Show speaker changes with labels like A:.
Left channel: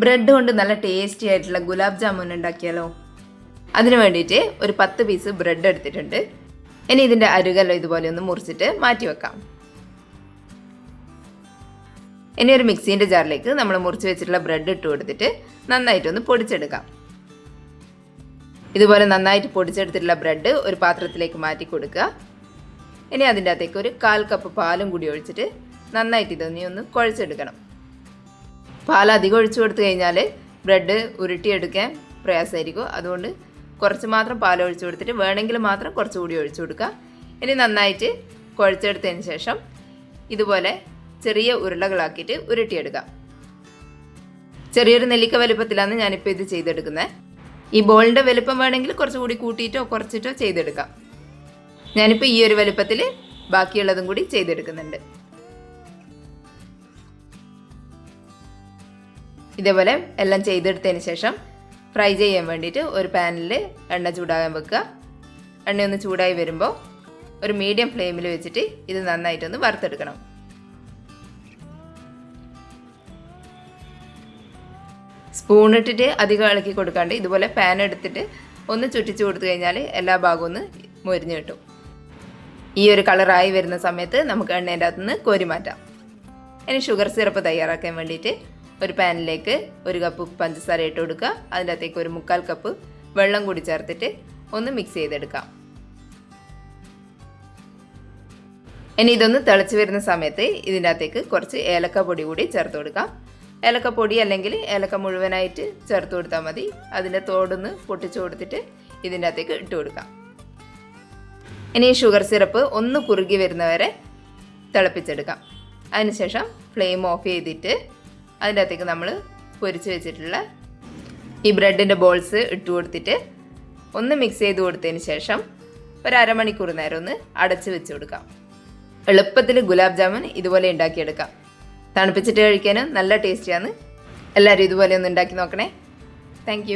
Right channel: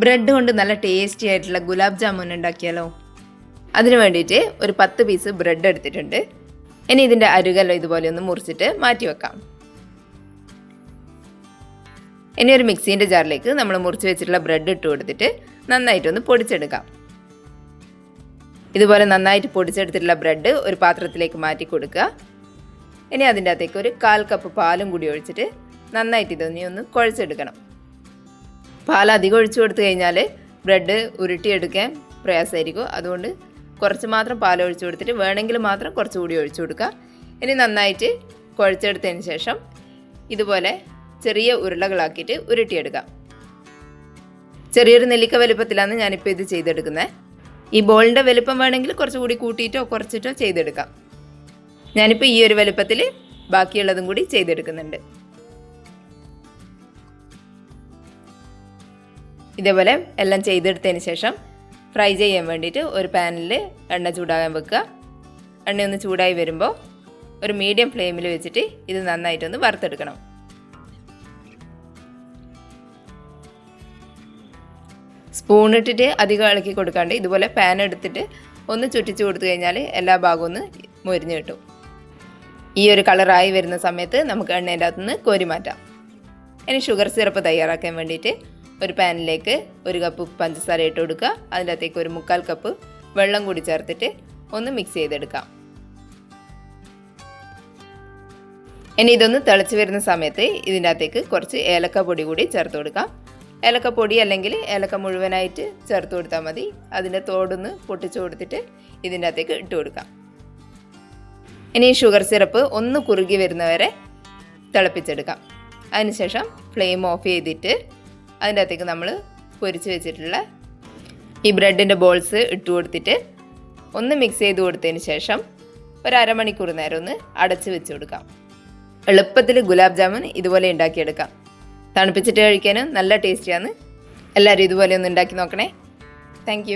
A: Bread കൊണ്ട് നല്ല tasty ആയിട്ടുള്ള ഗുലാബ് ജാമുൻ ഉണ്ടാക്കിയാലോ? അതിനു വേണ്ടിയിട്ട് ഒരു പത്ത് പീസ് ബ്രെഡ് എടുത്തിട്ടുണ്ട്. ഇനി ഇതിന്റെ അരുകല്ലോ ഇതുപോലെ ഒന്ന് മുറിച്ചിട്ട് മാറ്റി വെക്കാം. ഇനി ഒരു മിക്സീന്റെ ജാറിലേക്ക് നമ്മൾ മുറിച്ച് വെച്ചിട്ടുള്ള ബ്രെഡ് ഇട്ട് കൊടുത്തിട്ട് നന്നായിട്ടൊന്ന് പൊടിച്ചെടുക്കാം. ഇതുപോലെ നന്നായിട്ട് പൊടിച്ചെടുത്തിട്ടുള്ള ബ്രെഡ് ഒരു പാത്രത്തിലേക്ക് മാറ്റി കൊടുക്കുക. ഇനി അതിന്റെ അകത്തേക്ക് ഒരു കാൽ കപ്പ് പാലും കൂടി ഒഴിച്ചിട്ട് നന്നായിട്ട് ഇതൊന്നി ഒന്ന് കുഴച്ചെടുക്കണം. പാൽ അധികം ഒഴിച്ചു കൊടുത്തു കഴിഞ്ഞാൽ ബ്രെഡ് ഉരുട്ടിയെടുക്കാൻ പ്രയാസമായിരിക്കും. അതുകൊണ്ട് കുറച്ച് മാത്രം പാൽ ഒഴിച്ചു കൊടുത്തിട്ട് വേണമെങ്കിൽ മാത്രം കുറച്ചുകൂടി ഒഴിച്ചു കൊടുക്കുക. ഇനി നന്നായിട്ട് കുഴച്ചെടുത്തതിന് ശേഷം ഇതുപോലെ ചെറിയ ഉരുളകളാക്കിയിട്ട് ഉരുട്ടിയെടുക്കാം ചെറിയൊരു നെല്ലിക്ക വലുപ്പത്തിലാണ് ഞാനിപ്പോൾ ഇത് ചെയ്തെടുക്കുന്നത്. ഈ ബോളിന്റെ വലുപ്പം വേണമെങ്കിൽ കുറച്ചുകൂടി കൂട്ടിയിട്ടോ കുറച്ചിട്ടോ ചെയ്തെടുക്കാം. ഞാനിപ്പോൾ ഈ ഒരു വലുപ്പത്തിൽ ബാക്കിയുള്ളതും കൂടി ചെയ്തെടുക്കുന്നുണ്ട്. ഇതേപോലെ എല്ലാം ചെയ്തെടുത്തതിന് ശേഷം ഫ്രൈ ചെയ്യാൻ വേണ്ടിയിട്ട് ഒരു പാനിൽ എണ്ണ ചൂടാകാൻ വെക്കുക. എണ്ണ ഒന്ന് ചൂടായി വരുമ്പോൾ ഒരു മീഡിയം ഫ്ലെയിമിൽ വെച്ചിട്ട് ഇത് നന്നായിട്ടൊന്ന് വറുത്തെടുക്കണം. സ്പൂൺ ഇട്ടിട്ട് അധികം ഇളക്കി കൊടുക്കാണ്ട് ഇതുപോലെ പാൻ എടുത്തിട്ട് ഒന്ന് ചുറ്റിച്ചു കൊടുത്തു കഴിഞ്ഞാൽ എല്ലാ ഭാഗവും ഒന്ന് മുരിഞ്ഞു കിട്ടും. ഈ ഒരു കളറായി വരുന്ന സമയത്ത് നമുക്ക് എണ്ണേന്റെ അകത്തുനിന്ന് കോരി മാറ്റാം. ഇനി ഷുഗർ സിറപ്പ് തയ്യാറാക്കാൻ വേണ്ടിയിട്ട് ഒരു പാനിലേക്ക് ഒരു കപ്പ് പഞ്ചസാര ഇട്ട് കൊടുക്കുക. അതിന്റെ അകത്തേക്ക് ഒരു മുക്കാൽ കപ്പ് വെള്ളം കൂടി ചേർത്തിട്ട് ഒന്ന് മിക്സ് ചെയ്തെടുക്കാം. ഇനി ഇതൊന്ന് തിളച്ച് വരുന്ന സമയത്ത് ഇതിന്റെ അകത്തേക്ക് കുറച്ച് ഏലക്ക പൊടി കൂടി ചേർത്ത് കൊടുക്കാം. ഏലക്ക പൊടി അല്ലെങ്കിൽ ഏലക്ക മുഴുവനായിട്ട് ചേർത്ത് കൊടുത്താൽ മതി. അതിന്റെ തോടൊന്ന് പൊട്ടിച്ച് കൊടുത്തിട്ട് ഇതിന്റെ അകത്തേക്ക് ഇട്ട് കൊടുക്കാം. ഇനി ഷുഗർ സിറപ്പ് ഒന്ന് കുറുകി വരുന്നവരെ തിളപ്പിച്ചെടുക്കാം. അതിനുശേഷം ഫ്ലെയിം ഓഫ് ചെയ്തിട്ട് അതിന്റെ അകത്തേക്ക് നമ്മൾ പൊരിച്ച് വെച്ചിട്ടുള്ള ഈ ബ്രെഡിന്റെ ബോൾസ് ഇട്ട് കൊടുത്തിട്ട് ഒന്ന് മിക്സ് ചെയ്ത് കൊടുത്തതിന് ശേഷം ഒരു അരമണിക്കൂർ നേരം ഒന്ന് അടച്ച് വെച്ച് കൊടുക്കാം. എളുപ്പത്തിൽ ഗുലാബ് ജാമുൻ ഇതുപോലെ ഉണ്ടാക്കിയെടുക്കാം. തണുപ്പിച്ചിട്ട് കഴിക്കാനും നല്ല ടേസ്റ്റിയാണ് എല്ലാവരും ഇതുപോലെ ഒന്ന് ഉണ്ടാക്കി നോക്കണേ. താങ്ക്